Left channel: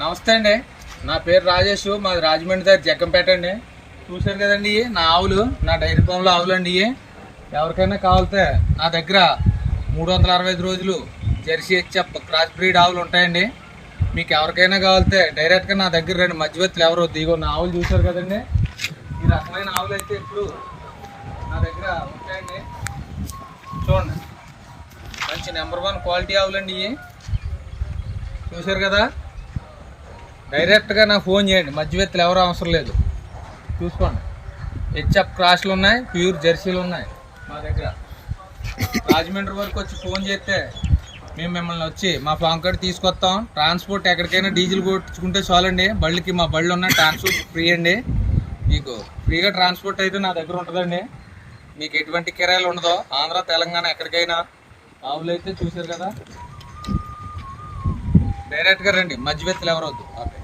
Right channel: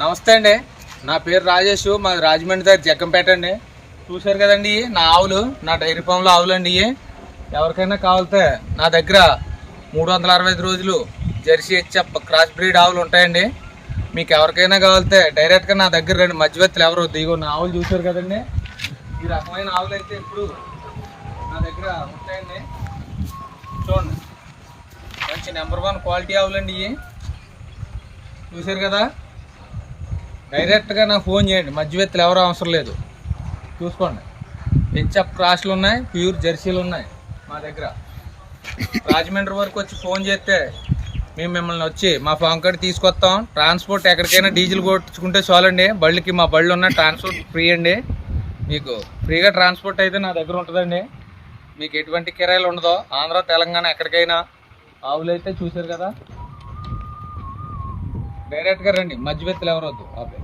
నమస్తే అండి. నా పేరు రాజేష్ మాది రాజమండ్రి దగ్గర జగ్గంపేట అండి. చూశారు కదండి నా ఆవులు నా డైరీ ఫామ్లో ఆవులు అండి ఎవరికైనా కావాలితే నా దగ్గర మూడు వందల అరవై ఐదు రోజులు జెర్సీ హెచ్ఎఫ్ క్రాస్ బ్రీడ్ ఆవులు ఉంటాయండి. మీకు ఎవరికైనా కావాలితే డైరెక్ట్గా నా దగ్గర రెండు మధ్యవర్తులు ఎవరు దిగో నా ఆవులు చూశారు కదండి. ఈ రకమైన ఆవులు అయితే ఇప్పుడు నా దగ్గర ఉంటాయండి. చూడండి. మంచి నెంబర్ వన్ క్వాలిటీ ఆవులండి ఇవి. చూశారు కదా? డైరెక్ట్గా నాకు ఫోన్ చేయండి. మధ్యవర్తులు ఎవరు అవసరం లేదు. చూసుకోండి. హెచ్ఎఫ్ క్రాస్లు ఉన్నాయి ప్యూర్ జెర్సీలు ఉన్నాయి మా దగ్గర. రాజమండ్రి వరకు వచ్చి ఫోన్ చేస్తే మేము మిమ్మల్ని వచ్చి మా ఫామ్ కార్డ్ తీసుకొస్తాం. ట్రాన్స్పోర్ట్ ఎక్కడికైనా డీజిల్ కొట్టించుకుంటే చాలండి. బళ్ళకి మా బళ్ళు ఉన్నాయి ట్రాన్స్పోర్ట్ ఫ్రీ అండి. మీకు ఫ్రీగా ట్రాన్స్పోర్ట్ అయితే నా దగ్గర ఉంటుందండి. మీకు ఎటువంటి కిరాయిలు ఉండదో ఆంధ్ర తెలంగాణ ఎక్కడికైనా ఆవులు అయితే చూశారు కదా. డైరెక్ట్గా రండి. మధ్యవర్తులు ఎవరొద్దు. ఓకే.